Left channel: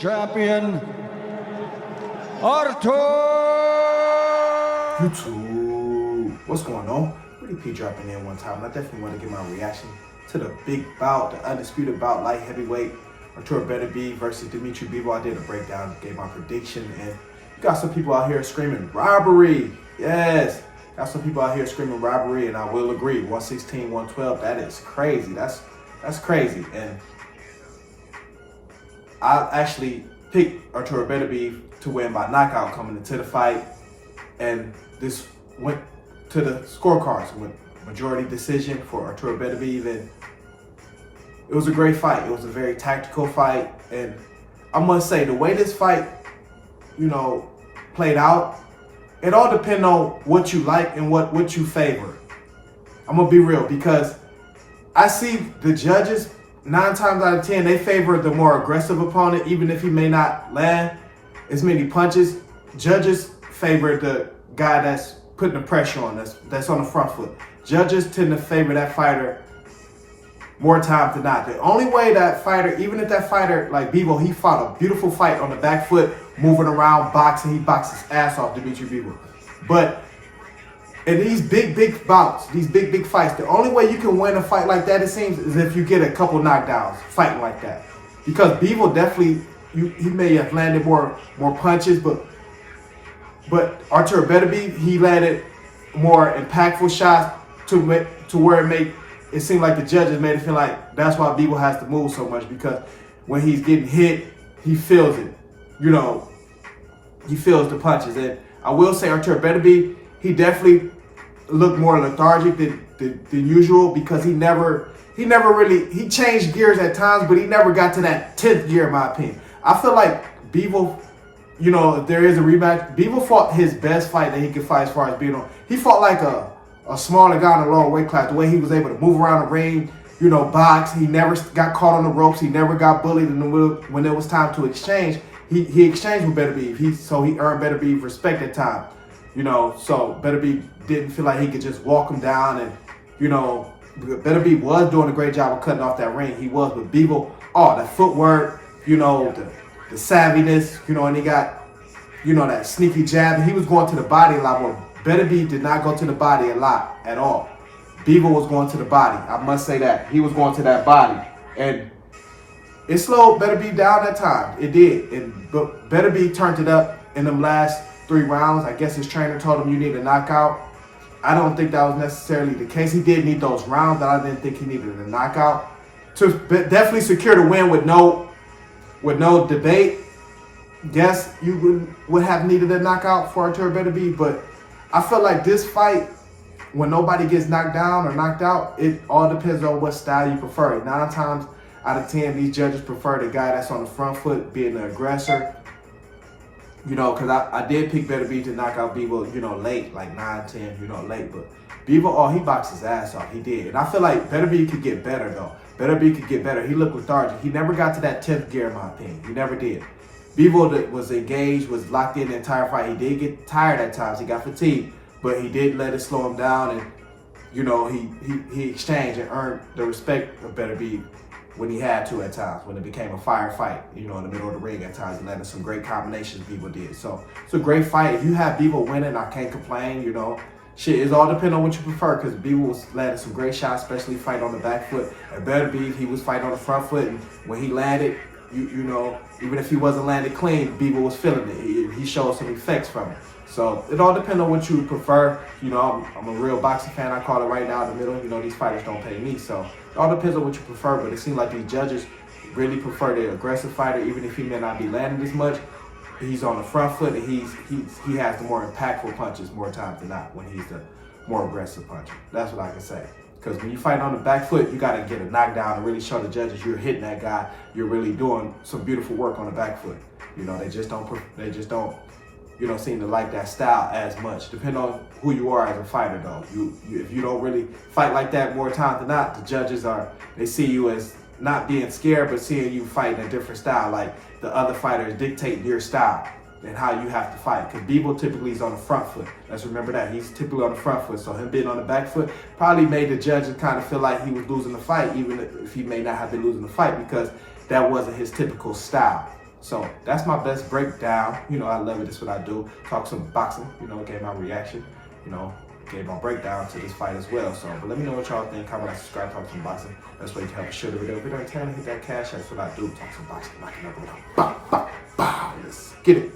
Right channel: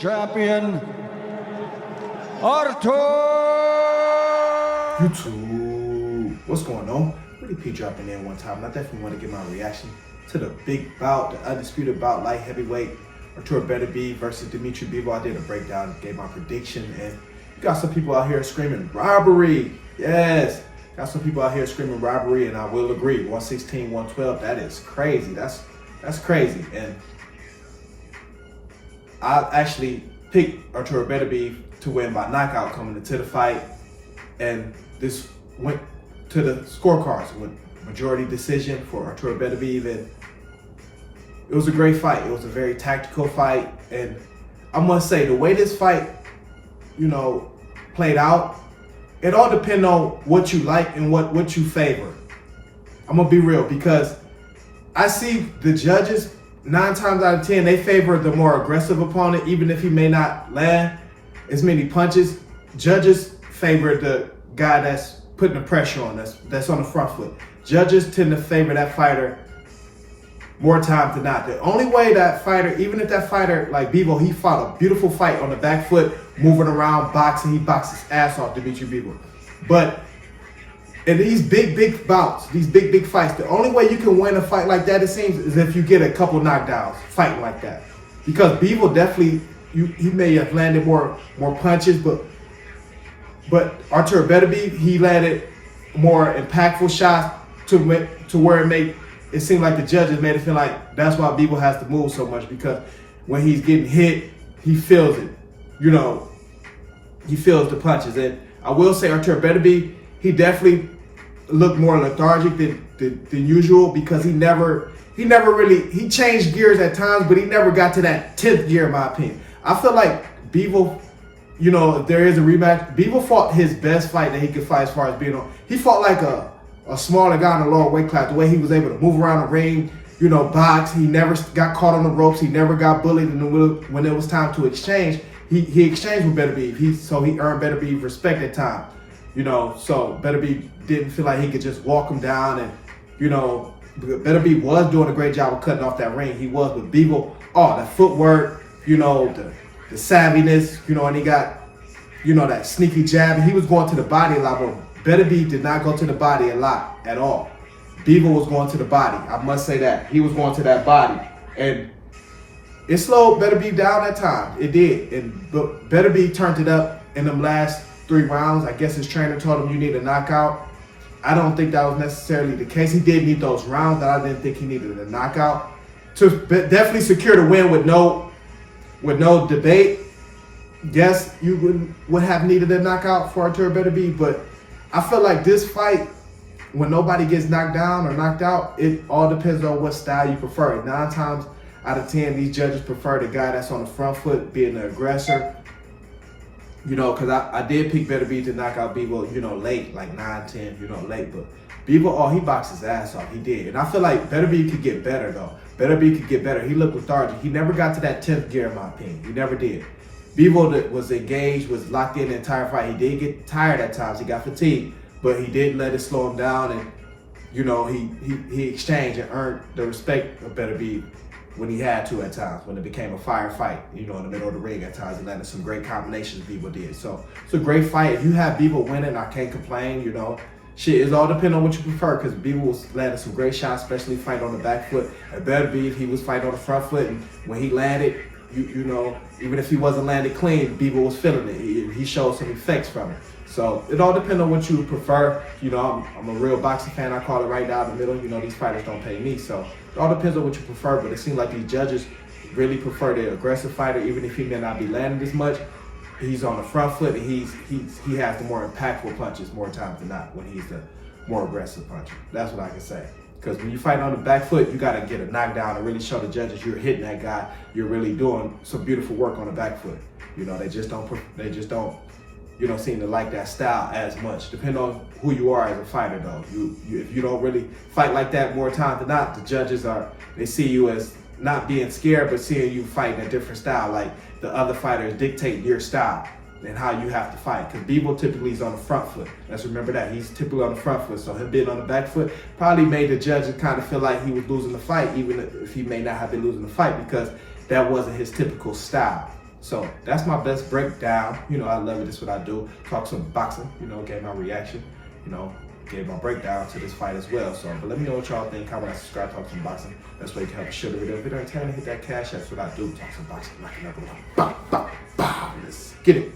champion, Artur! YouTube, what's going on? WittyP dropping in one time, and I definitely want to give my reaction to the big bout, the undisputed bout, light heavyweight, Artur Beterbiev versus Dmitry Bivol. I did a breakdown, gave my prediction, and you got some people out here screaming robbery. Yes, got some people out here screaming robbery, and I will agree. 116, 112, that is crazy. That's crazy. And I actually picked Artur Beterbiev to win by knockout coming into the fight, and this went to the scorecards with majority decision for Artur Beterbiev, and it was a great fight. It was a very tactical fight, and I must say the way this fight, played out, it all depends on what you like and what you favor. I'm gonna be real, because I see the judges 9 times out of 10 they favor the more aggressive opponent, even if he may not land as many punches. Judges favor the guy that's putting the pressure on, that's on the front foot. Judges tend to favor that fighter more times than not. The only way that fighter, even if that fighter like Bivol, he fought a beautiful fight on the back foot, moving around, boxing, he boxed his ass off, Dmitry Bivol. But in these big bouts, these big fights, the only way you can win a fight like that, it seems, is if you get a couple knockdowns fighting like that. Because Bivol definitely, he may have landed more punches, but Artur Beterbiev, he landed more impactful shots to where it seemed like the judges made it feel like that's why Bivol has to move so much, because when he's getting hit, he feels it. He feels the punches. And I will say Artur Beterbiev, he definitely looked more lethargic than usual, because he changed gears at times, but he never got to that 10th gear, in my opinion. I feel like Bivol, if there is a rematch, Bivol fought his best fight that he could fight as far as being on. He fought like a smaller guy in a lower weight class, the way he was able to move around the ring, box. He never got caught on the ropes. He never got bullied in the middle. When it was time to exchange, he exchanged with Beterbiev. So he earned Beterbiev respect at times. So Beterbiev didn't feel like he could just walk him down. And, Beterbiev was doing a great job of cutting off that ring. He was, but Bivol, that footwork, the savviness, and he got, that sneaky jab. And he was going to the body a lot more. Beterbiev did not go to the body a lot at all. Bivol was going to the body. I must say that. He was going to that body. And it slowed Beterbiev down at times. It did. And Beterbiev turned it up in them last 3 rounds. I guess his trainer told him you need a knockout. I don't think that was necessarily the case. He did need those rounds, but I didn't think he needed a knockout to definitely secure the win with no debate. Yes, you would have needed a knockout for Artur Beterbiev, but I feel like this fight, when nobody gets knocked down or knocked out, it all depends on what style you prefer. 9 times out of 10, these judges prefer the guy that's on the front foot, being the aggressor. Because I did pick Beterbiev to knock out Bivol, late, like 9, 10, late. But Bivol, he boxed his ass off. He did. And I feel like Beterbiev could get better, though. Beterbiev could get better. He looked lethargic. He never got to that 10th gear, in my opinion. He never did. Bivol was engaged, was locked in the entire fight. He did get tired at times. He got fatigued. But he did let it slow him down. And, he exchanged and earned the respect of Beterbiev when he had to at times, when it became a fire fight, in the middle of the ring at times. He landed some great combinations Bivol did. So it's a great fight. If you have Bivol winning, I can't complain, Shit, it's all depending on what you prefer, because Bivol was landing some great shots, especially fighting on the back foot. At Beterbiev, he was fighting on the front foot, and when he landed, even if he wasn't landed clean, Bivol was feeling it. He showed some effects from it. So it all depends on what you prefer. I'm a real boxing fan. I call it right down the middle. These fighters don't pay me, so it all depends on what you prefer. But it seems like these judges really prefer the aggressive fighter, even if he may not be landing as much. He's on the front foot, and he has the more impactful punches more times than not when he's the more aggressive puncher. That's what I can say. Because when you fight on the back foot, you got to get a knockdown and really show the judges you're hitting that guy. You're really doing some beautiful work on the back foot. They just don't seem to like that style as much. Depending on who you are as a fighter, though. If you don't really fight like that more times than not, the judges they see you as not being scared, but seeing you fight in a different style. Like the other fighters dictate your style and how you have to fight. Because Bivol typically is on the front foot. Let's remember that. He's typically on the front foot. So him being on the back foot probably made the judges kind of feel like he was losing the fight, even if he may not have been losing the fight, because that wasn't his typical style. So that's my best breakdown. You know, I love it. That's what I do. Talk some boxing. You know, gave my reaction. You know, gave my breakdown to this fight as well. So, but let me know what y'all think. Comment, like, subscribe, talk some boxing. Best way to help share the video. If you're entertained, hit that cash. That's what I do. Talk some boxing. Knock another one out. Bow, bow, bow. Let's get it.